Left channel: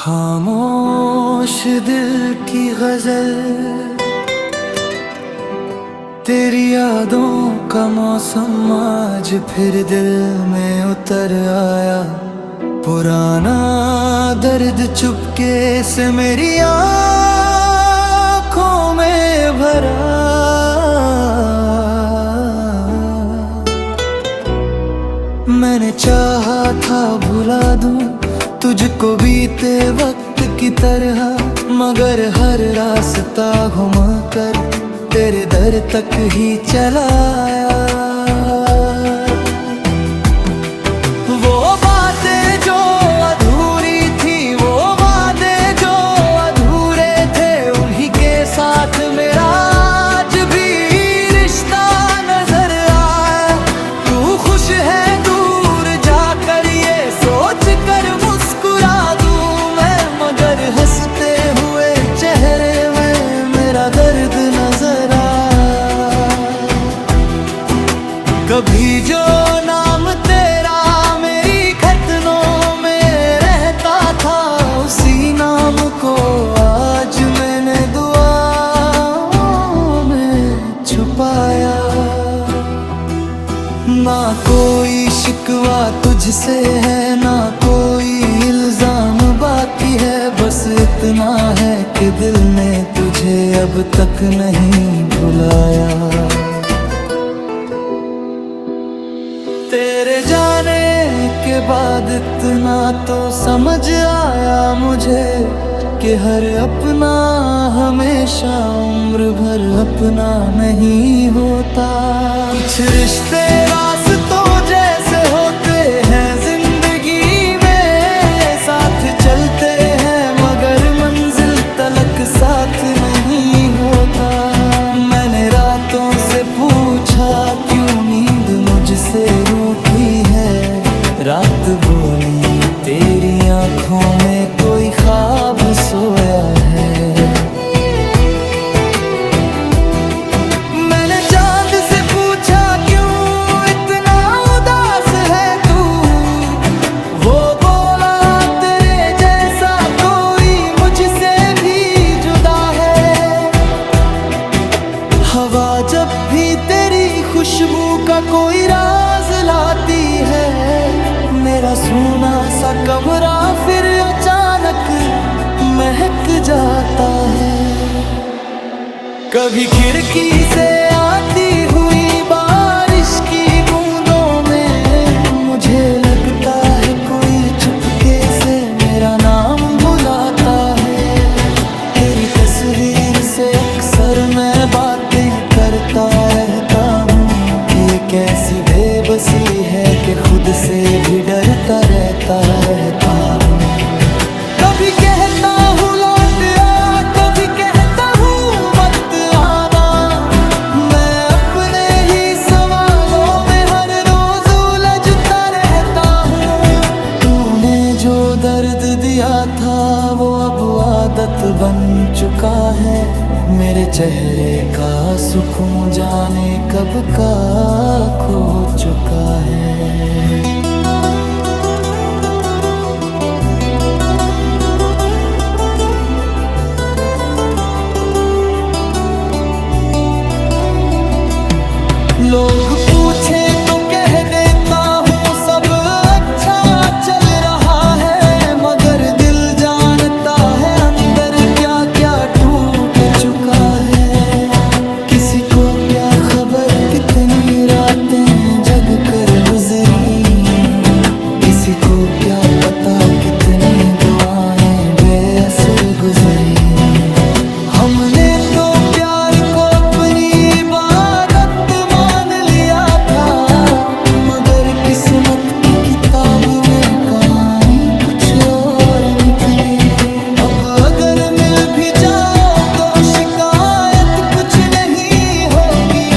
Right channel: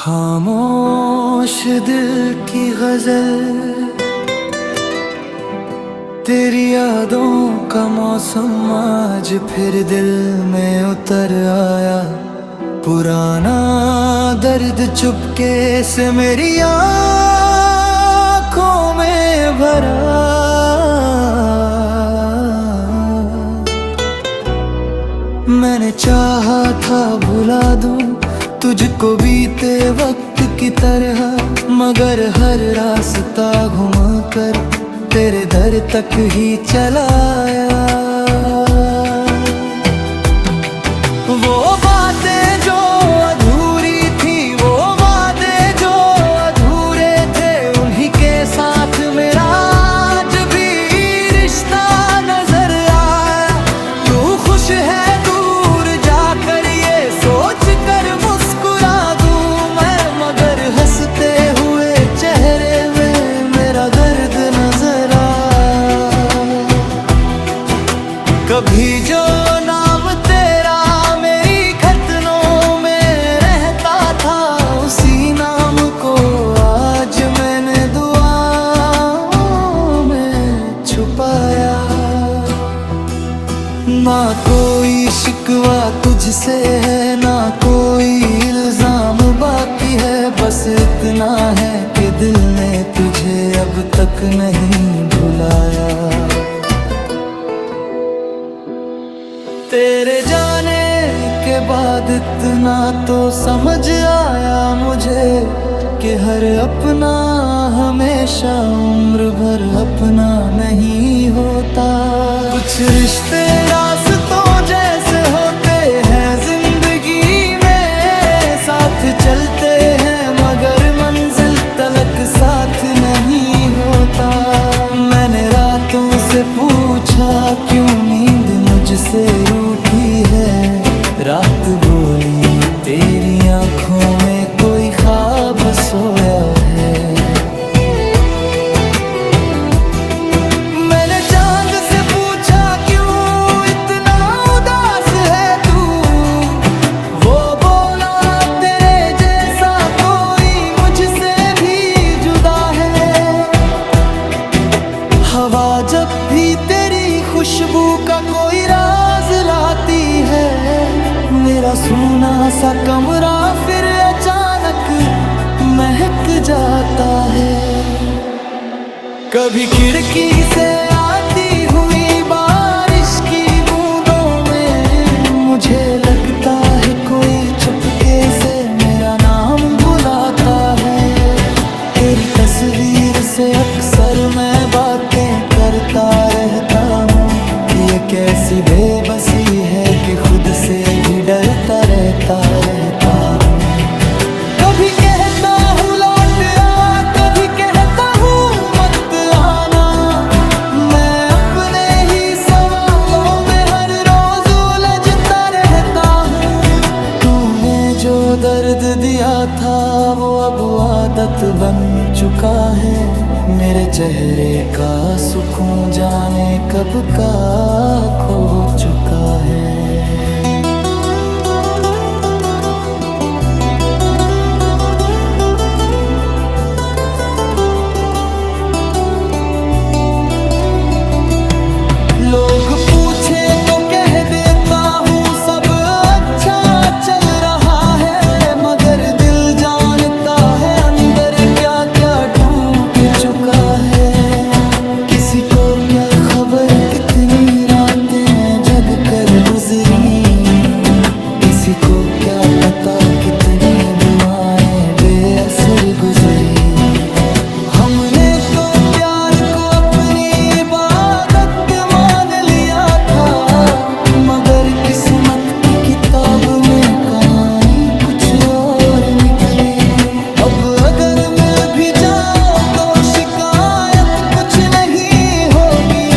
खामोश दिल की गजल, तेरी यादों का मौसम आज फिर दिल में उतर आया। पुराना दर्द चुपके से मेरी आँखों में भरा। मैंने चाहा था भुला दूं तुझको बीते वक्त की तरह, मगर हर रास्ता घूम कर तेरे दर तक ही चला आया। वो बातें जो अधूरी थी, वो वादे जो अधूरे थे, उन्हीं के साथ मेरा आज भी रिश्ता नजर आया। तू खुश है दूर जाकर ये सोच कर मुस्कुरा दूं मैं, मगर हंसते हुए चेहरे में मेरा दर्द नजर आया। कभी जो नाम तेरा मेरी खतनों में रहता था, उसी नाम को आज मैंने दुआओं में छुपाया। ना कोई शिकवा तुझसे है, ना कोई इल्जाम बाकी है, बस इतना है कि दिल ने तुझे अब तक नहीं भुलाया। तेरे जाने के बाद इतना तो समझ आया मुझे कि हर अपना हमेशा उम्र भर अपना नहीं होता। कुछ रिश्ते रास्तों जैसे होते हैं जिंदगी में, साथ चलते हैं मगर मंजिल तलक साथ नहीं होता। मैंने रातों से पूछा क्यों नींद मुझसे रूठी है, रात बोली तेरी आंखों में कोई ख्वाब सोया है। मैंने चांद से पूछा क्यों इतना उदास है तू, वो बोला तेरे जैसा कोई मुझसे भी जुदा है। हवा जब भी तेरी खुशबू का कोई राज लाती है, मेरा सूना सा कमरा फिर अचानक महक जाता है। कभी खिड़की से आती हुई बारिश की बूंदों में मुझे लगता है कोई चुपके से मेरा नाम बुलाता है। तेरी तस्वीर से अक्सर मैं बातें करता रहता हूँ, ये कैसी बेबसी है कि खुद से भी डरता रहता हूँ। कभी कहता हूँ लौट आ, कभी कहता हूँ मत आना। मैं अपने ही सवालों में हर रोज उलझता रहता हूँ। तूने जो दर्द दिया था वो अब आदत बन चुका है, मेरे चेहरे का सुकून जाने कब का खो चुका है। लोग पूछे तो कह देता हूँ सब अच्छा चल रहा है, मगर दिल जानता है अंदर क्या क्या टूट चुका है। किसी को क्या खबर कितनी रातें जग कर गुजरी, किसी को क्या पता कितनी दुआएं बेअसर गुजरी। हमने तो प्यार को अपनी इबादत मान लिया था, मगर किस्मत की किताब में कहानी कुछ और निकली। अब अगर मिल भी जाओ तो शिकायत कुछ नहीं होगी,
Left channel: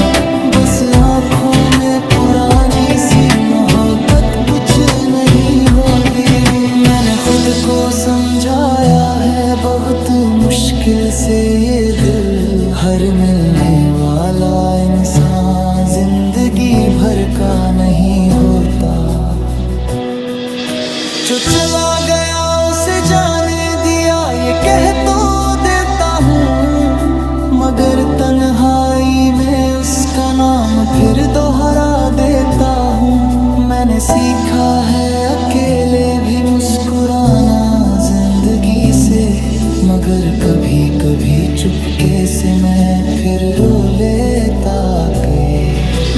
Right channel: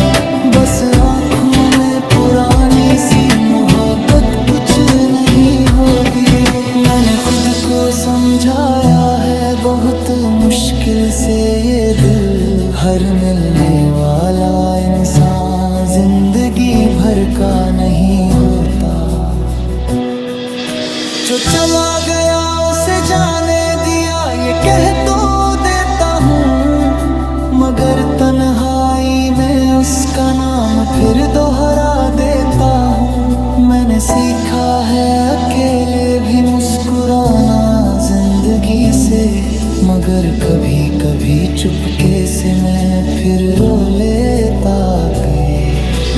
बस आँखों में पुरानी सी मोहब्बत कुछ नहीं होगी। मैंने खुद को समझाया है बहुत मुश्किल से ये दिल, हर मिलने वाला इंसान जिंदगी भर का नहीं होता। जो चला गया उसे जाने ये कह तो देता हूँ, मगर तन्हाई में उसका नाम फिर दोहरा देता हूँ। मैंने सीखा है अकेले भी मुस्कुराना जिंदगी से, मगर कभी कभी चुपके से मैं फिर रो लेता के।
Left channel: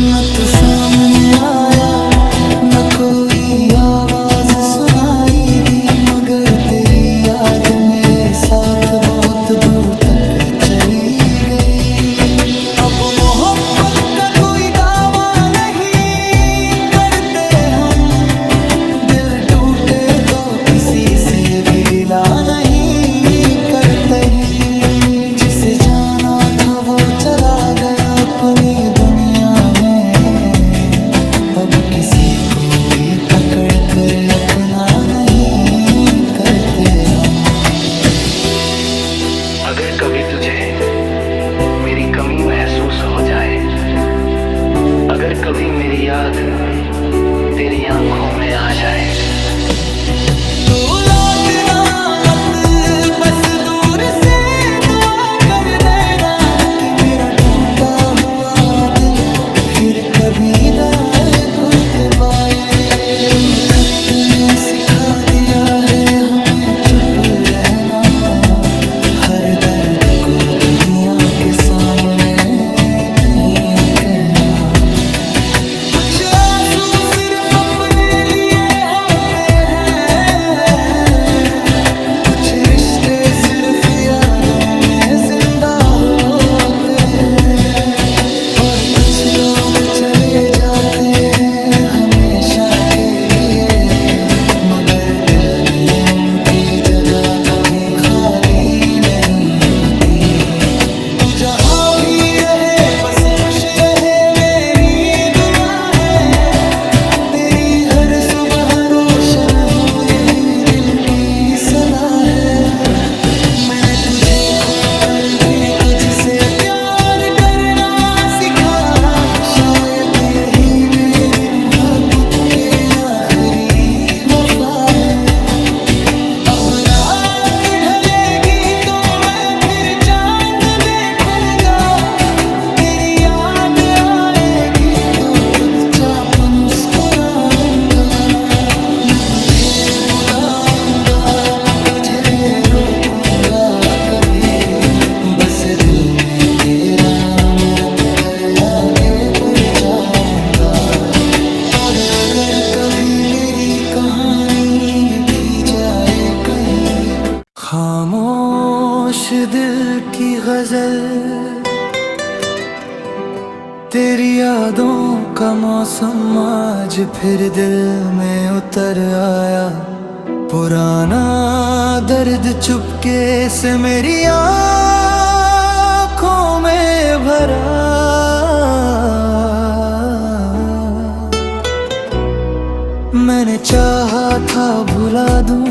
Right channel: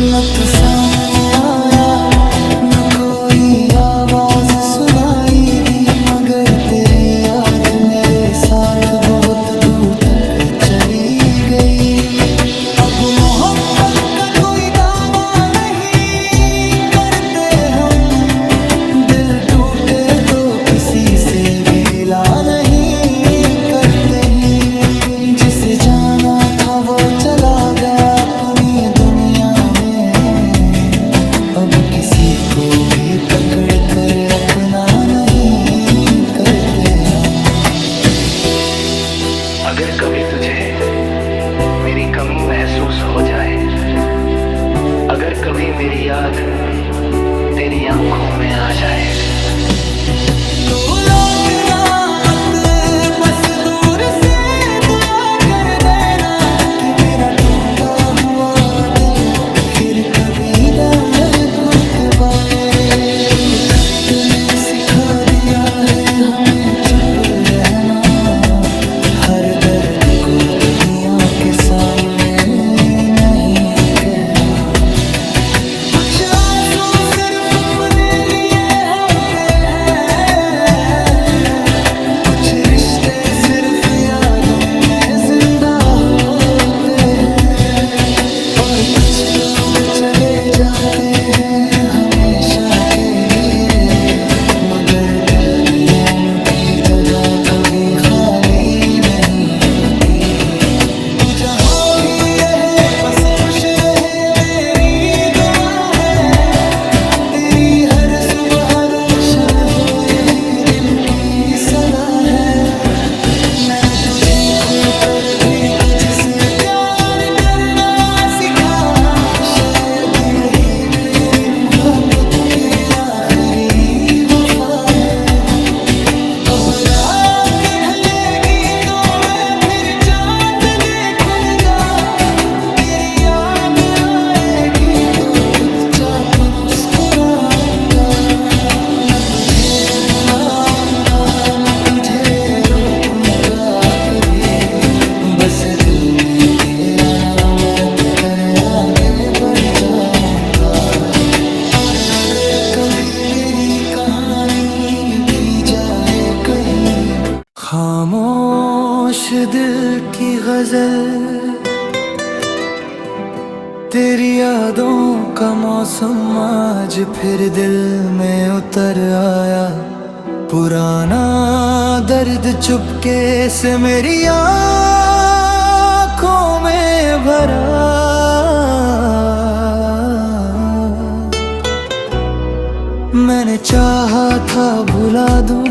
न तू सामने आया, न कोई आवाज सुनाई दी, मगर तेरी याद मेरे साथ बहुत दूर तक चली गई। अब मोहब्बत का कोई दावा नहीं करते हम, दिल टूटे तो किसी से भी गिला नहीं करते ही। जिसे जाना था वो चला गया अपनी दुनिया में, अब किसी को भी पकड़ कर अपना नहीं करते हम। अगर कभी तुझे मेरी कमी महसूस हो जाए, अगर कभी मेरी याद तेरी आंखों में आ जाए, तो लौटना मत, बस दूर से दुआ कर देना कि मेरा टूटा हुआ दिल फिर कभी दर्द टूट पाए। तो खत ने सिखा दिया है हमें चुप रहना, हर दर्द को दुनिया के सामने नहीं कहना। कुछ आंसू सिर्फ अपने लिए होते हैं, कुछ रिश्ते सिर्फ यादों में जिंदा होते हैं, और कुछ लोग चले जाते हैं हमेशा के लिए, मगर दिल में उनकी जगह कभी खाली नहीं होती। तू जहाँ भी रहे बस खुश रहे मेरी दुआ है, तेरी हर सुबह रोशन हो यही दिल की सदा है। मैंने तुझे खोकर भी तुझसे प्यार करना सीखा, शायद यही मेरी मोहब्बत के आखिरी वफा है। अब रात ढलेगी तो मैं फिर चांद देखूंगा, तेरी याद आएगी तो चुपचाप मुस्कुराऊंगा। न तुझे बुलाऊंगा न तुझे रोकूंगा कभी, बस दिल में तेरा नाम रख कर आगे बढ़ जाऊंगा। और अगर कभी मेरी कहानी लिखी जाए कहीं, खामोश दिल की गजल, तेरी यादों का मौसम आज फिर दिल में उतर आया। पुराना दर्द चुपके से मेरी आँखों में भरा, मैंने चाहा था भुला दूं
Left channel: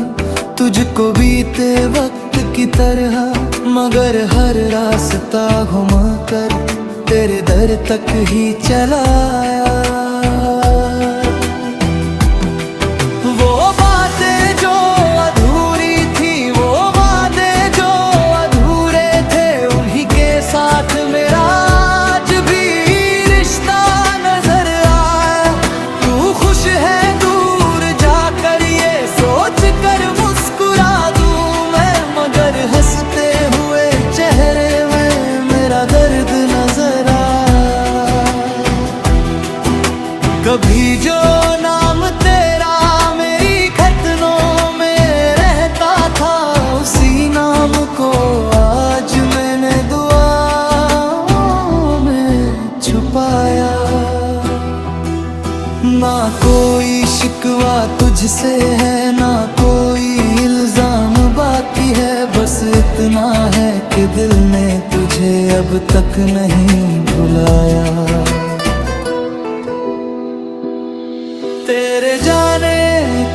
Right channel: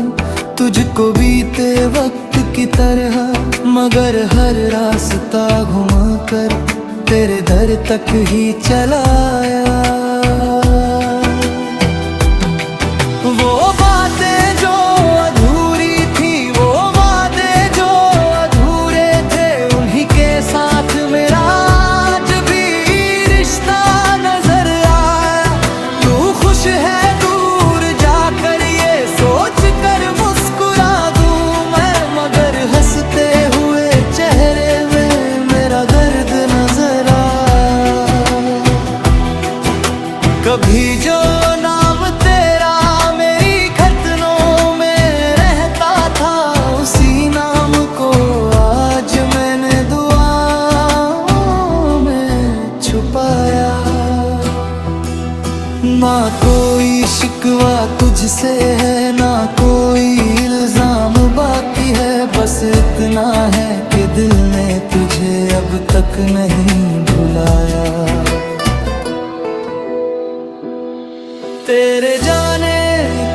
तुझको बीते वक्त की तरह, मगर हर रास्ता घूम कर तेरे दर तक ही चला आया। वो बातें जो अधूरी थी, वो वादे जो अधूरे थे, उन्हीं के साथ मेरा आज भी रिश्ता नजर आया। तू खुश है दूर जाकर ये सोच कर मुस्कुरा दूं मैं, मगर हंसते हुए चेहरे में मेरा दर्द नजर आया। कभी जो नाम तेरा मेरी खतनों में रहता था, उसी नाम को आज मैंने दुआओं में छुपाया। ना कोई शिकवा तुझसे है ना कोई इल्जाम बाकी है, बस इतना है कि दिल ने तुझे अब तक नहीं भुलाया। तेरे जाने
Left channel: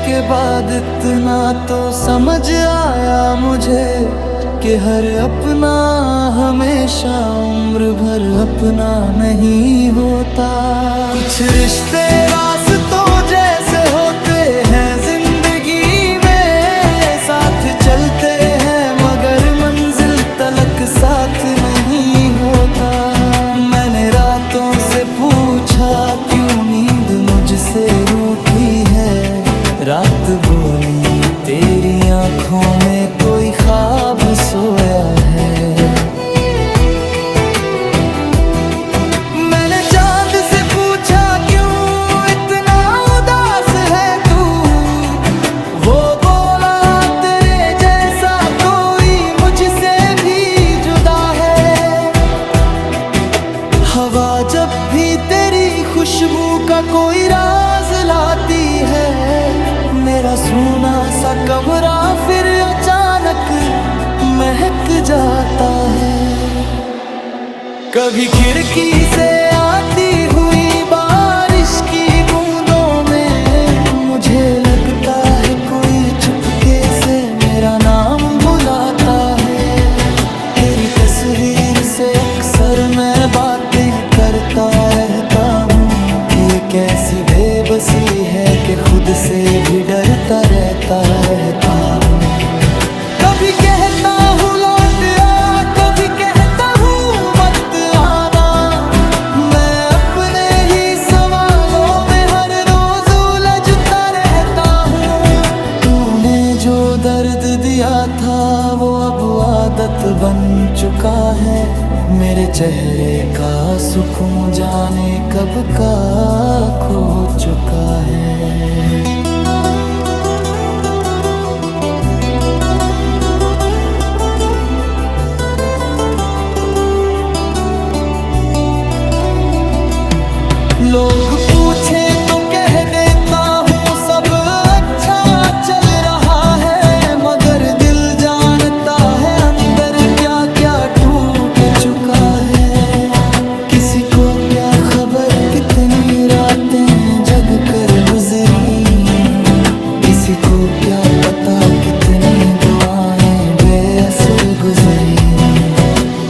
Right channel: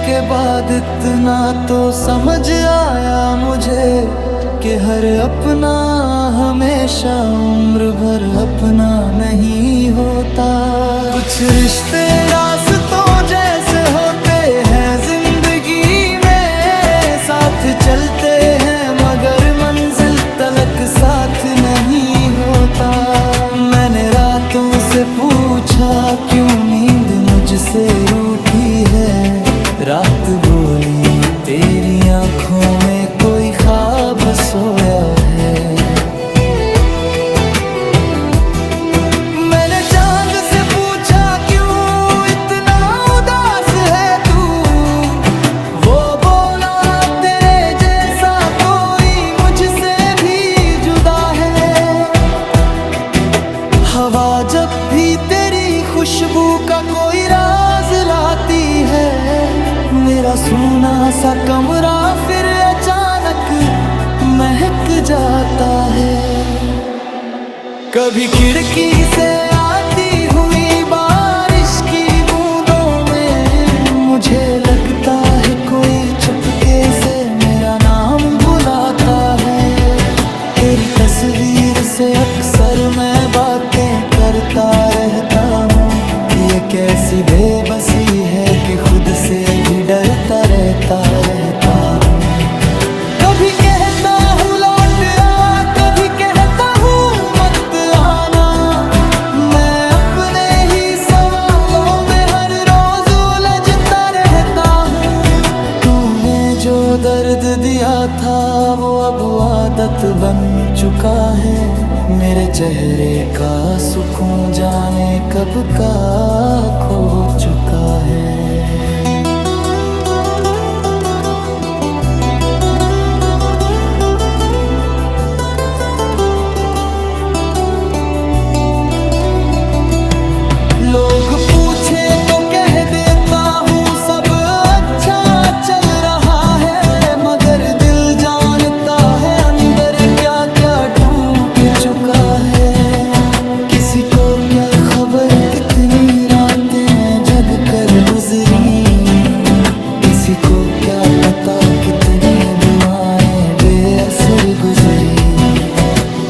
के बाद इतना तो समझ आया मुझे, कि हर अपना हमेशा उम्र भर अपना नहीं होता। कुछ रिश्ते रास्तों जैसे होते हैं जिंदगी में, साथ चलते हैं मगर मंजिल तलक साथ नहीं होता। मैंने रातों से पूछा क्यों नींद मुझसे रूठी है, रात बोली तेरी आंखों में कोई ख्वाब सोया है। मैंने चांद से पूछा क्यों इतना उदास है तू, वो बोला तेरे जैसा कोई मुझसे भी जुदा है। हवा जब भी तेरी खुशबू का कोई राज लाती है, मेरा सूना सा कमरा फिर अचानक महक जाता है। कभी खिड़की से आती हुई बारिश की बूंदों में मुझे लगता है कोई चुपके से मेरा नाम बुलाता है। तेरी तस्वीर से अक्सर मैं बातें करता रहता हूँ, ये कैसी बेबसी है कि खुद से भी डरता रहता हूँ। कभी कहता हूँ लौट आ, कभी कहता हूँ मत आना। मैं अपने ही सवालों में हर रोज उलझता रहता हूँ। तूने जो दर्द दिया था वो अब आदत बन चुका है, मेरे चेहरे का सुकून जाने कब का खो चुका है। लोग पूछे तो कह देता हूँ सब अच्छा चल रहा है, मगर दिल जानता है अंदर क्या क्या टूट चुका है। किसी को क्या खबर कितनी रातें जग कर गुजरी, किसी को क्या पता कितनी दुआएं बेअसर गुजरी।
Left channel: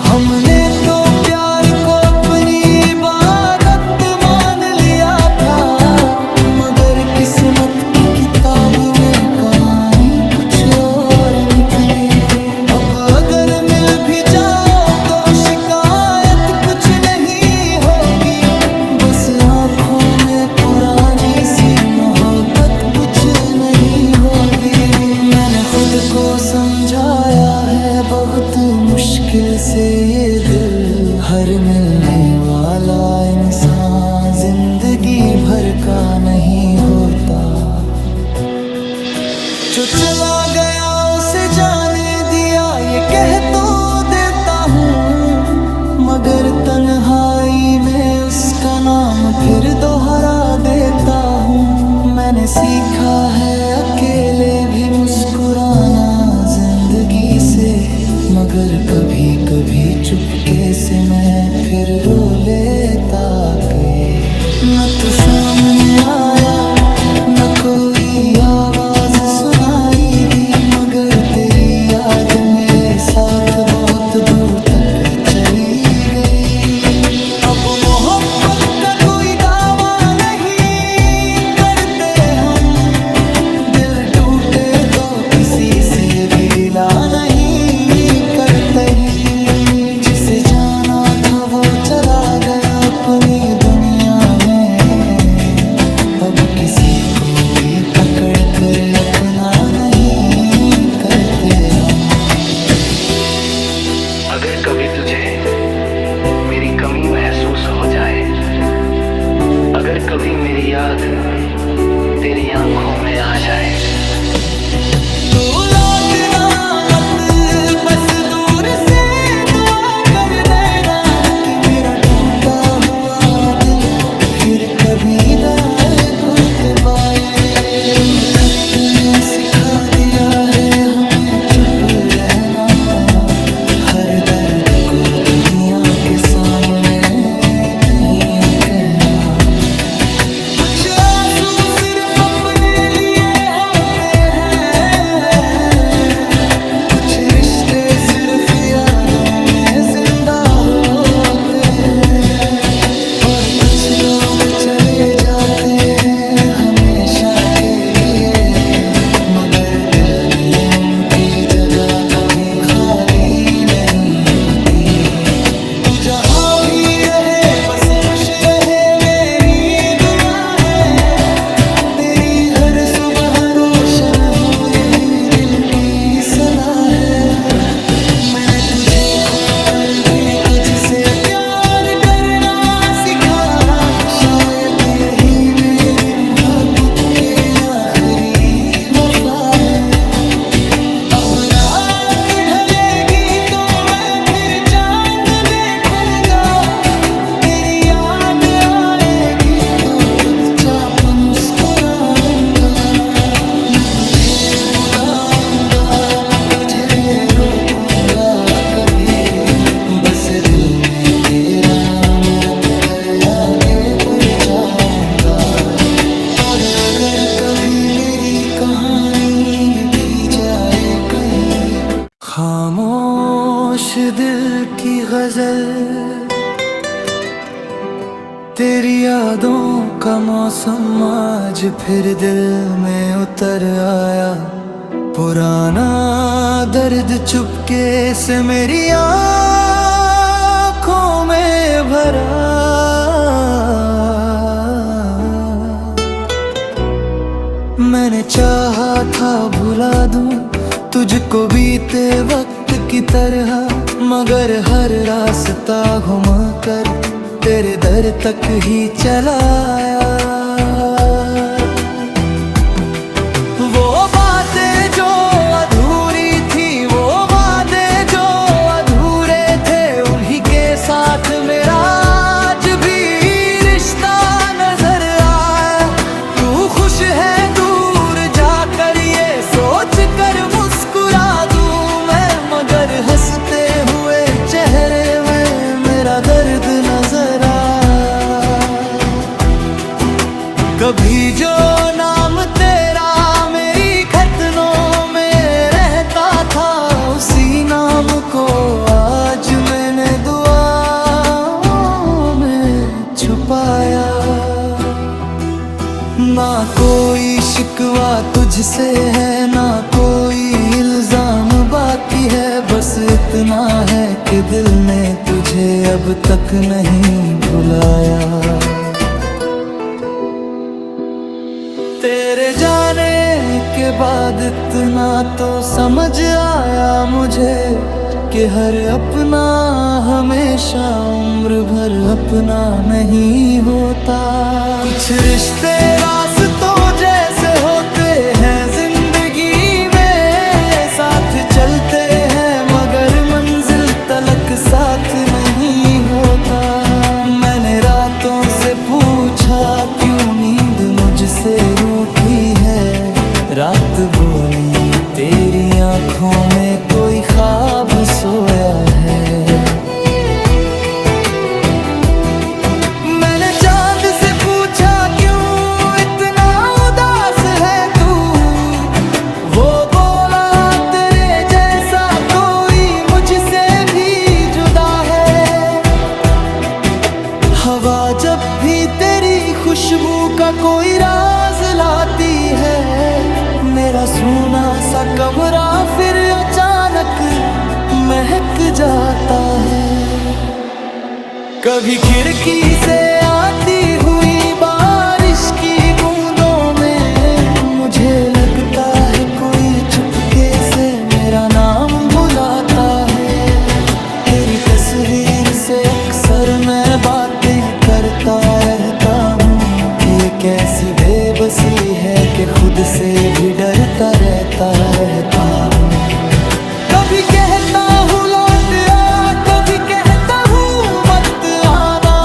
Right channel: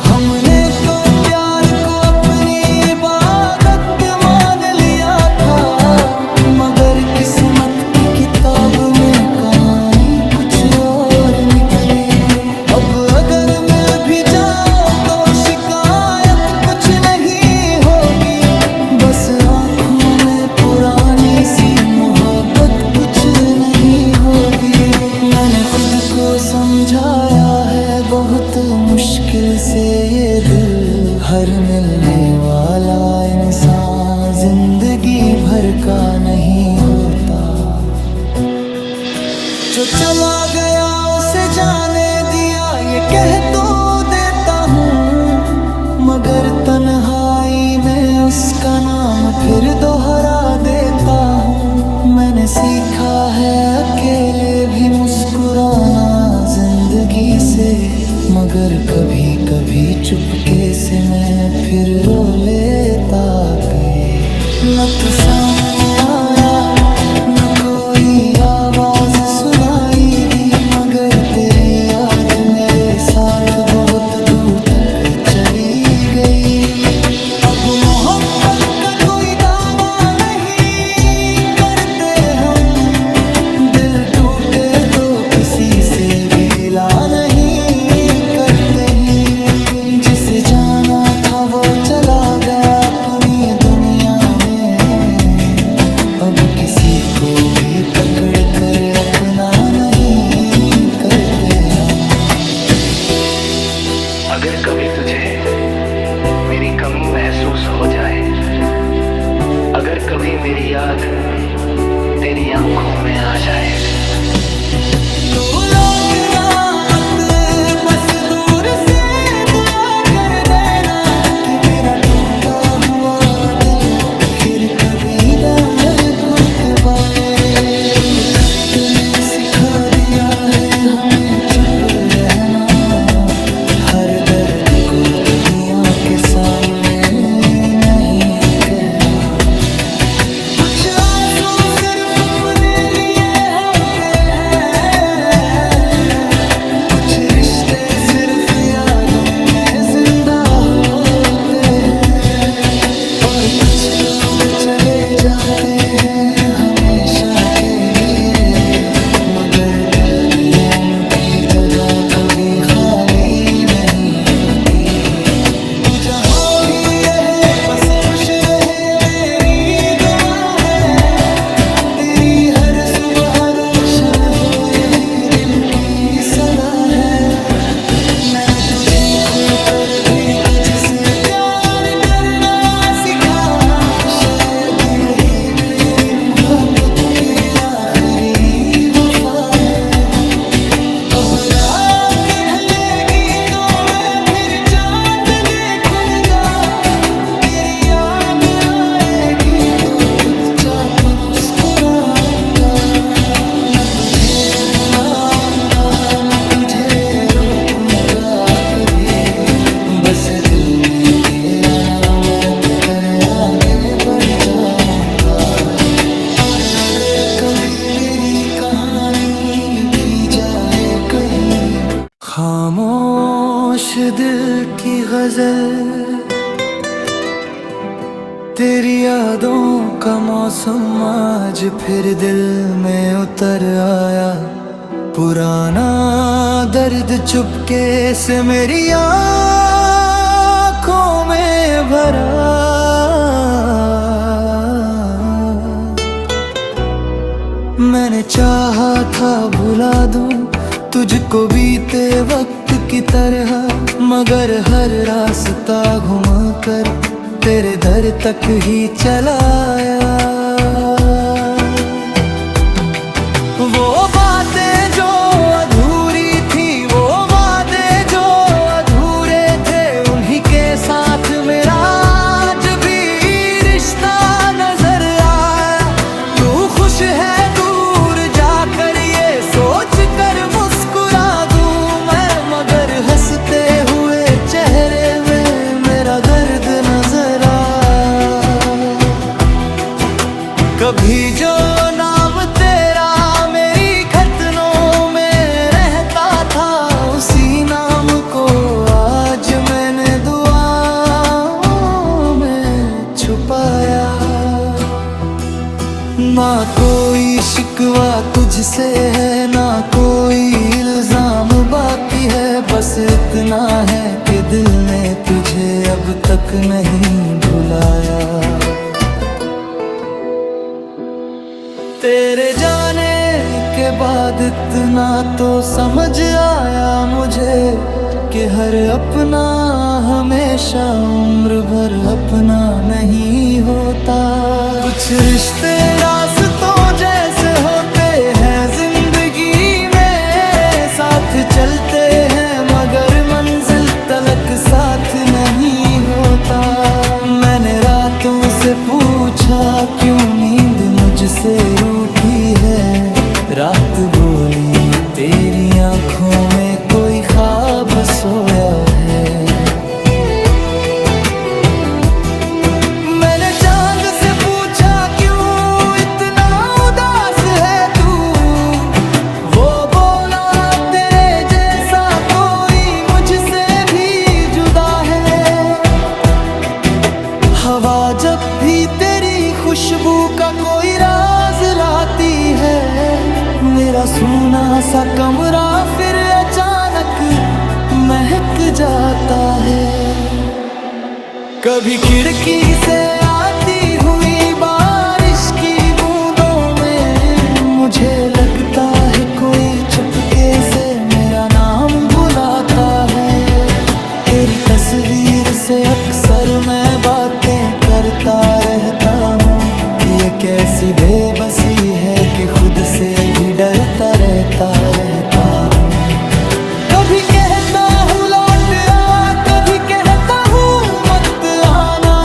हमने तो प्यार को अपनी इबादत मान लिया था, मगर किस्मत की किताब में कहानी कुछ और निकली। अब अगर मिल भी जाओ तो शिकायत कुछ नहीं होगी, बस आँखों में पुरानी सी मोहब्बत कुछ नहीं होगी। मैंने खुद को समझाया है बहुत मुश्किल से ये दिल, हर मिलने वाला इंसान जिंदगी भर का नहीं होता। जो चला गया उसे जाने दिया ये कह तो देता हूँ, मगर तन्हाई में उसका नाम फिर दोहरा देता हूँ। मैंने सीखा है अकेले भी मुस्कुराना जिंदगी से, मगर कभी कभी चुपके से मैं फिर रो लेता के। न तू सामने आया न कोई आवाज सुनाई दी, मगर तेरी याद मेरे साथ बहुत दूर तक चली गई। अब मोहब्बत का कोई दावा नहीं करते हम, दिल टूटे तो किसी से भी गिला नहीं करते ही। जिसे जाना था वो चला गया अपनी दुनिया में, अब किसी को भी पकड़ कर अपना नहीं करते हम। अगर कभी तुझे मेरी कमी महसूस हो जाए, अगर कभी मेरी याद तेरी आंखों में आ जाए, तो लौटना मत, बस दूर से दुआ कर देना कि मेरा टूटा हुआ दिल फिर कभी टूट पाए। तो खत ने सिखा दिया है हमें चुप रहना, हर दर्द को दुनिया के सामने नहीं कहना। कुछ आंसू सिर्फ अपने लिए होते हैं, कुछ कुछ रिश्ते सिर्फ यादों में जिंदा होते हैं, और कुछ लोग चले जाते हैं हमेशा के लिए, मगर दिल में उनकी जगह कभी खाली नहीं होती। तू जहाँ भी रहे बस खुश रहे, मेरी दुआ है तेरी हर सुबह रोशन हो, यही दिल की सदा है। मैंने तुझे खोकर भी तुझसे प्यार करना सीखा, शायद यही मेरी मोहब्बत के आखिरी वफा है। अब रात ढलेगी तो मैं फिर चांद देखूंगा, तेरी याद आएगी तो चुपचाप मुस्कुराऊंगा। न तुझे बुलाऊंगा न तुझे रोकूंगा कभी, बस दिल में तेरा नाम रख कर आगे बढ़ जाऊंगा। और अगर कभी मेरी कहानी लिखी जाए कहीं, खामोश दिल की गजल, तेरी यादों का मौसम आज फिर दिल में उतर आया। पुराना दर्द चुपके से मेरी आँखों में भरा, मैंने चाहा था भुला दूं तुझको बीते वक्त की तरह, मगर हर रास्ता घूम कर तेरे दर तक ही चला आया। वो बातें जो अधूरी थी, वो वादे जो अधूरे थे, उन्हीं के साथ मेरा आज भी रिश्ता नजर आया। तू खुश है दूर जाकर ये सोच कर मुस्कुरा दूं मैं, मगर हंसते हुए चेहरे में मेरा दर्द नजर आया। कभी जो नाम तेरा मेरी खतनों में रहता था, उसी नाम को आज मैंने दुआओं में छुपाया। ना कोई शिकवा तुझसे है ना कोई इल्जाम बाकी है, बस इतना है कि दिल ने तुझे अब तक नहीं भुलाया। तेरे जाने के बाद इतना तो समझ आया मुझे कि हर अपना हमेशा उम्र भर अपना नहीं होता। कुछ रिश्ते रास्तों जैसे होते हैं जिंदगी में, साथ चलते हैं मगर मंजिल तलक साथ नहीं होता। मैंने रातों से पूछा क्यों नींद मुझसे रूठी है, रात बोली तेरी आंखों में कोई ख्वाब सोया है। मैंने चांद से पूछा क्यों इतना उदास है तू, वो बोला तेरे जैसा कोई मुझसे भी जुदा है। हवा जब भी तेरी खुशबू का कोई राज लाती है, मेरा सूना सा कमरा फिर अचानक महक जाता है। कभी खिड़की से आती हुई बारिश की बूंदों में मुझे लगता है कोई चुपके से मेरा नाम बुलाता है। तेरी तस्वीर से अक्सर मैं बातें करता रहता हूँ, ये कैसी बेबसी है कि खुद से भी डरता रहता हूँ। कभी कहता हूँ लौट आ, कभी कहता हूँ मत आना,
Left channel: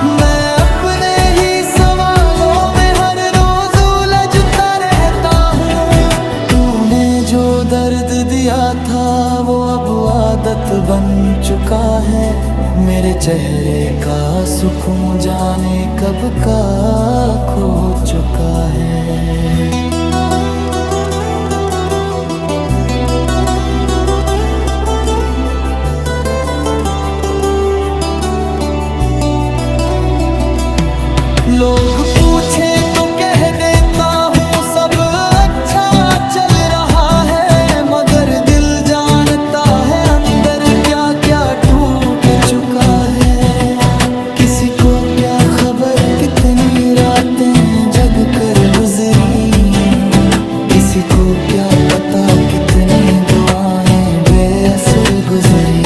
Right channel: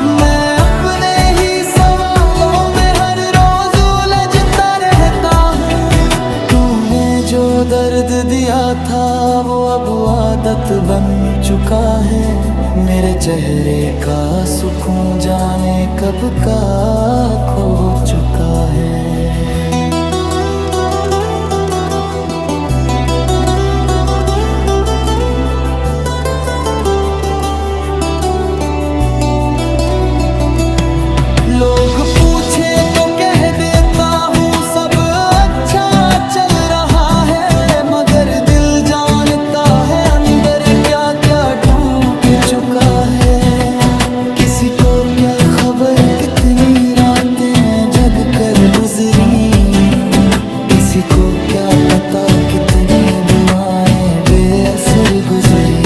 मैं अपने ही सवालों में हर रोज उलझता रहता हूँ। तूने जो दर्द दिया था वो अब आदत बन चुका है, मेरे चेहरे का सुकून जाने कब का खो चुका है। लोग पूछे तो कह देता हूँ सब अच्छा चल रहा है, मगर दिल जानता है अंदर क्या क्या टूट चुका है। किसी को क्या खबर कितनी रातें जग कर गुजरी, किसी को क्या पता कितनी दुआएं बेअसर गुजरी।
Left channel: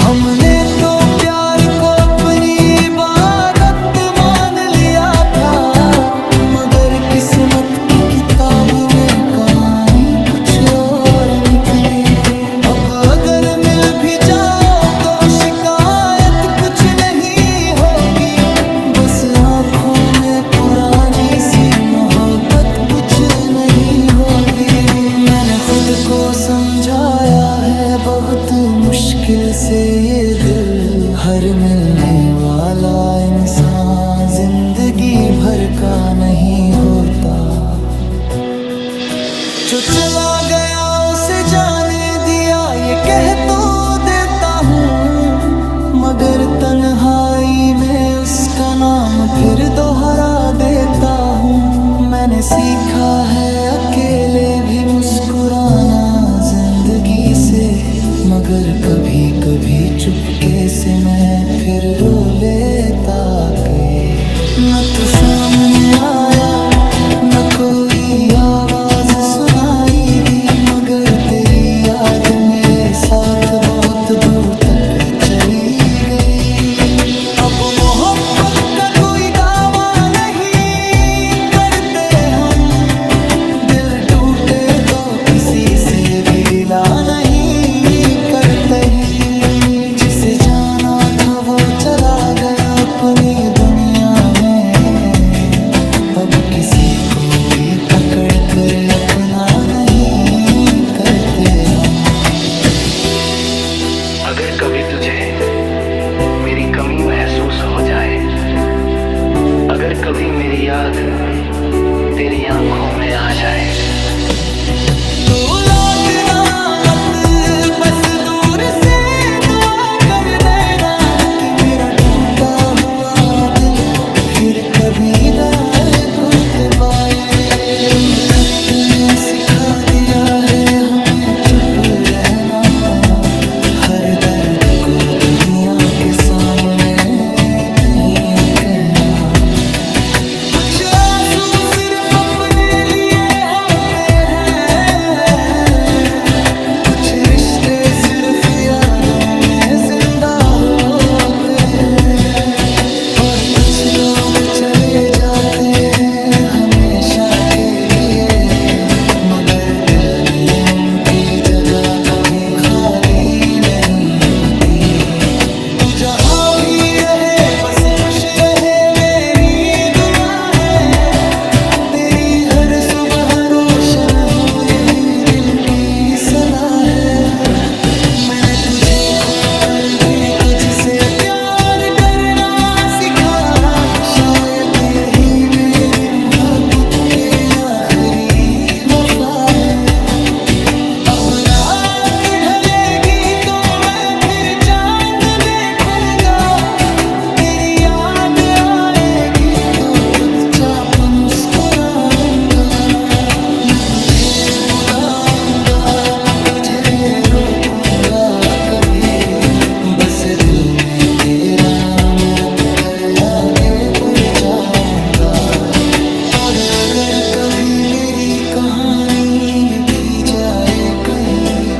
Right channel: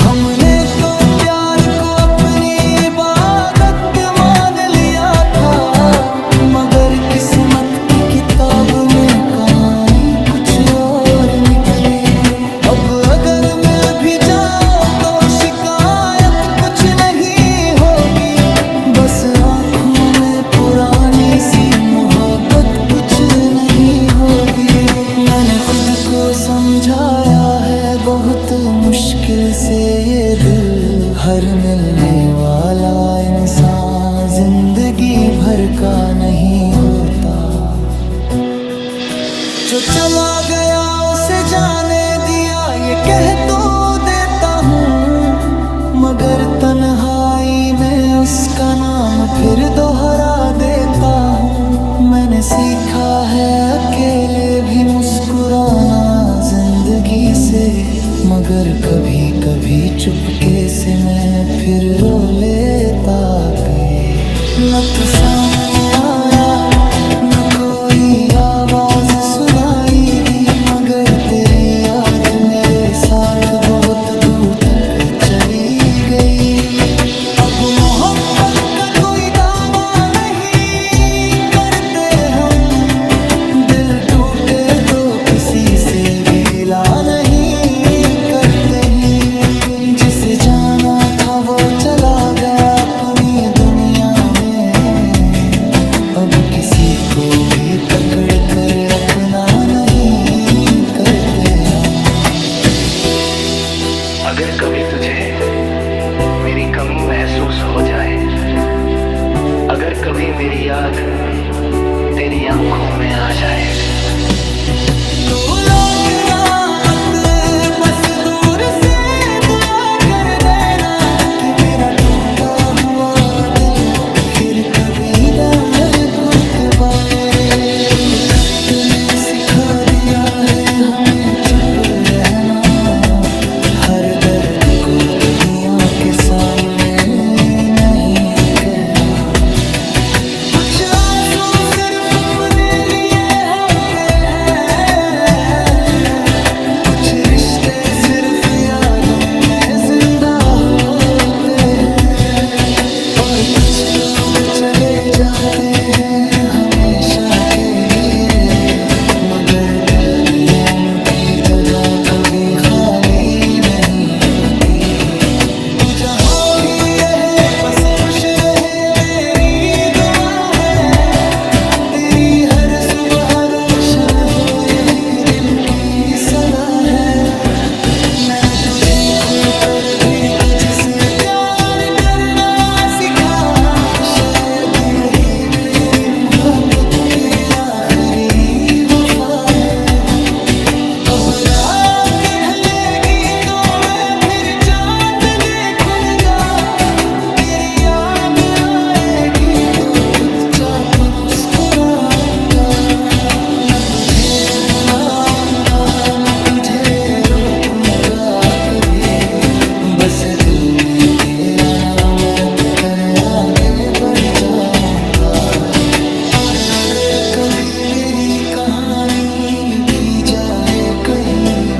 हमने तो प्यार को अपनी इबादत मान लिया था, मगर किस्मत की किताब में कहानी कुछ और निकली। अब अगर मिल भी जाओ तो शिकायत कुछ नहीं होगी, बस आँखों में पुरानी सी मोहब्बत कुछ नहीं होगी। मैंने खुद को समझाया है बहुत मुश्किल से ये दिल, हर मिलने वाला इंसान जिंदगी भर का नहीं होता। जो चला गया उसे जाने दिया ये कह तो देता हूँ, मगर तन्हाई में उसका नाम फिर दोहरा देता हूँ। मैंने सीखा है अकेले भी मुस्कुराना जिंदगी से, मगर कभी कभी चुपके से मैं फिर रो लेता के। न तू सामने आया न कोई आवाज सुनाई दी, मगर तेरी याद मेरे साथ बहुत दूर तक चली गई। अब मोहब्बत का कोई दावा नहीं करते हम, दिल टूटे तो किसी से भी गिला नहीं करते ही। जिसे जाना था वो चला गया अपनी दुनिया में, अब किसी को भी पकड़ कर अपना नहीं करते हम। अगर कभी तुझे मेरी कमी महसूस हो जाए, अगर कभी मेरी याद तेरी आंखों में आ जाए, तो लौटना मत, बस दूर से दुआ कर देना कि मेरा टूटा हुआ दिल फिर कभी दर्द पाए। तो खत ने सिखा दिया है हमें चुप रहना, हर दर्द को दुनिया के सामने नहीं कहना। कुछ आंसू सिर्फ अपने लिए होते हैं, कुछ रिश्ते सिर्फ यादों में जिंदा होते हैं, और कुछ लोग चले जाते हैं हमेशा के लिए, मगर दिल में उनकी जगह कभी खाली नहीं होती। तू जहाँ भी रहे बस खुश रहे मेरी दुआ है, तेरी हर सुबह रोशन हो यही दिल की सदा है। मैंने तुझे खोकर भी तुझसे प्यार करना सीखा, शायद यही मेरी मोहब्बत के आखिरी वफा है। अब रात ढलेगी तो मैं फिर चांद देखूंगा, तेरी याद आएगी तो चुपचाप मुस्कुराऊंगा। न तुझे बुलाऊंगा न तुझे रोकूंगा कभी, बस दिल में तेरा नाम रख कर आगे बढ़ जाऊंगा। और अगर कभी मेरी कहानी लिखी जाए कहीं,